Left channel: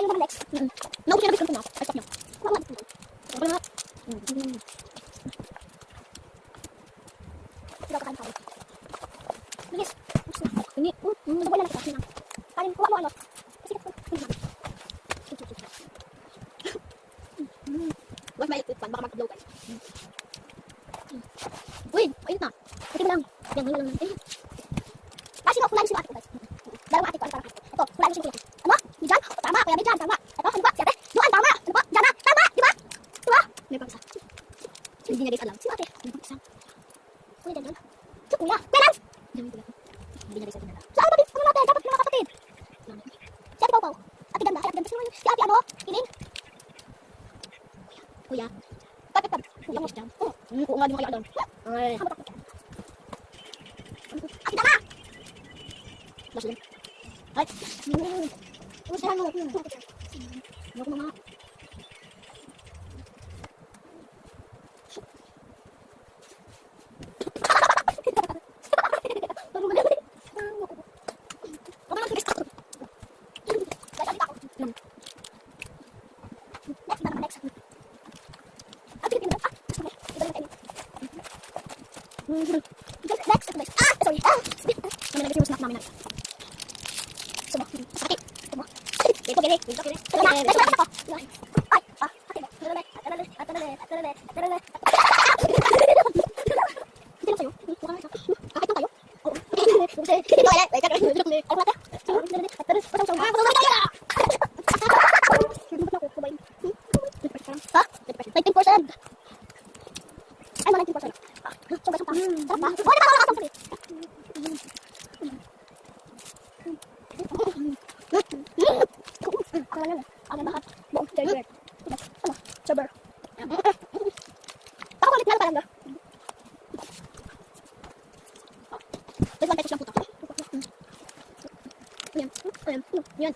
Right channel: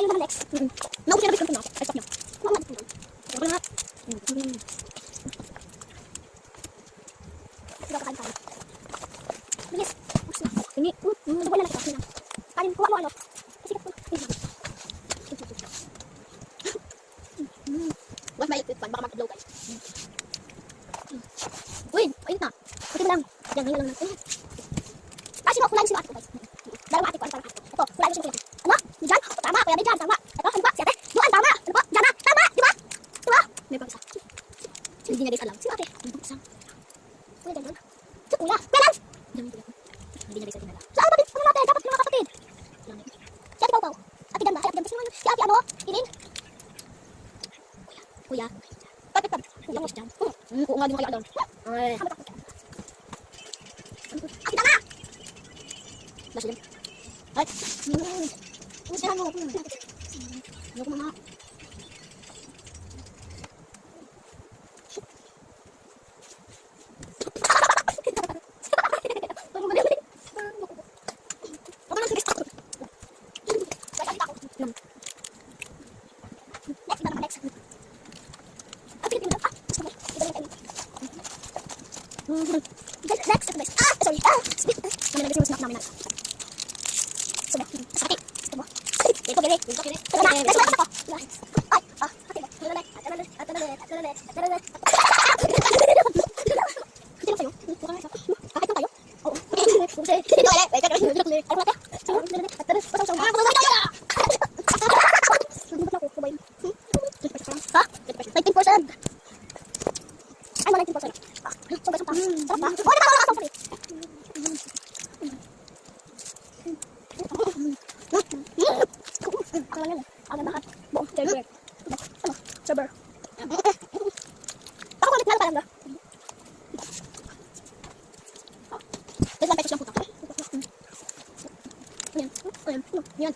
tayo naman next. Naubos na biskuit natin. Ay, stop nyo. Wala nga biskuit. Wala nga. Sige, kakain tayo. Bilis. Hindi. Wala na kita. Kanin, kuha mo ano. Kasi ko. Wag mailit pan, baka mag-upload guys. Uy, ayun na. Puti mo lang. Yan, ngayon lang. Kasi mo, kulaan si Ate ko guys. Dalawa ate ko, ano parang ate ko. Ito, kulaan si Ate. Ano? Diyan? Tama, kuya Diyan, tama. Ito, ano ba? Si Ate? Doon, tama. Ano ba? Diyan na. Tama, di ba? Di ba? May pang isa. Hindi niya guys alam. Si Ate. May pang isa. Kuya Diyan. Si Kuya. Kuya Lance! Hindi niya guys atin alam. Sa kapatid, ano natin? Dapat mga kapatid. Si Ate Pau Pau. Ate Ganda. Ay, Ate Ganda. Si Ate ano? Ilin? Kuya. Tapit. Kuya mo siya dyan. Oo nga, di mo kayo alam. Ay. Ate Dama! Last yun. Ay. Usihan mo. Ano ko mga. Next. Sorry. Kami nag-isip snack namin. Sumo. Sakit. Sumo. Ito gini. Sabar. Ako ulit na lang talaga. This one pesos lang po ito. Yan.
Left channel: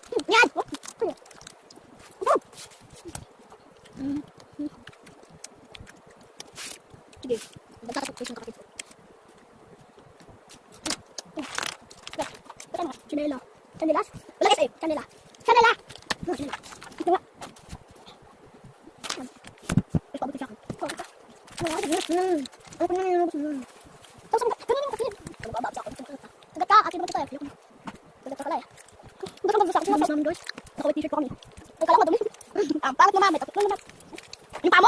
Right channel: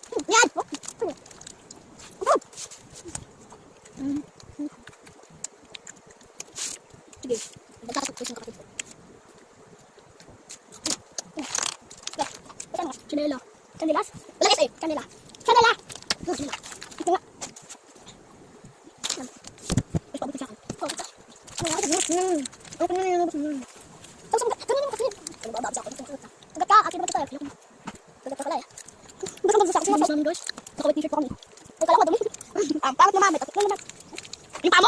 Sige. Magkakasok ko isang kapatid. Chanela. Chanelas? Wala kayo sa'yo. Chanela. Chanela! Ito nga. Ay, pabuti siya. Ano pa yun? Ganyan kasi. Ano ba sa ako? Agad ka. Ate ba ito tayo? Agad ka pala eh. Gusto mo sa akin. Gusto namin guys. Nakawit t-shirt ko kami. Ay, kala ko madumi. Ang pangat naman. Yung pamo.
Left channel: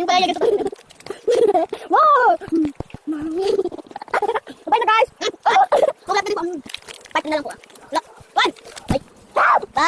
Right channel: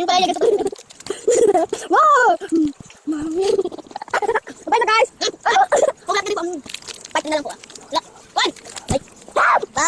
Yung pala yung ganito. Wow! Bye na guys! Huwag natin pa. Part na lang po ah. One! Bye! Bye!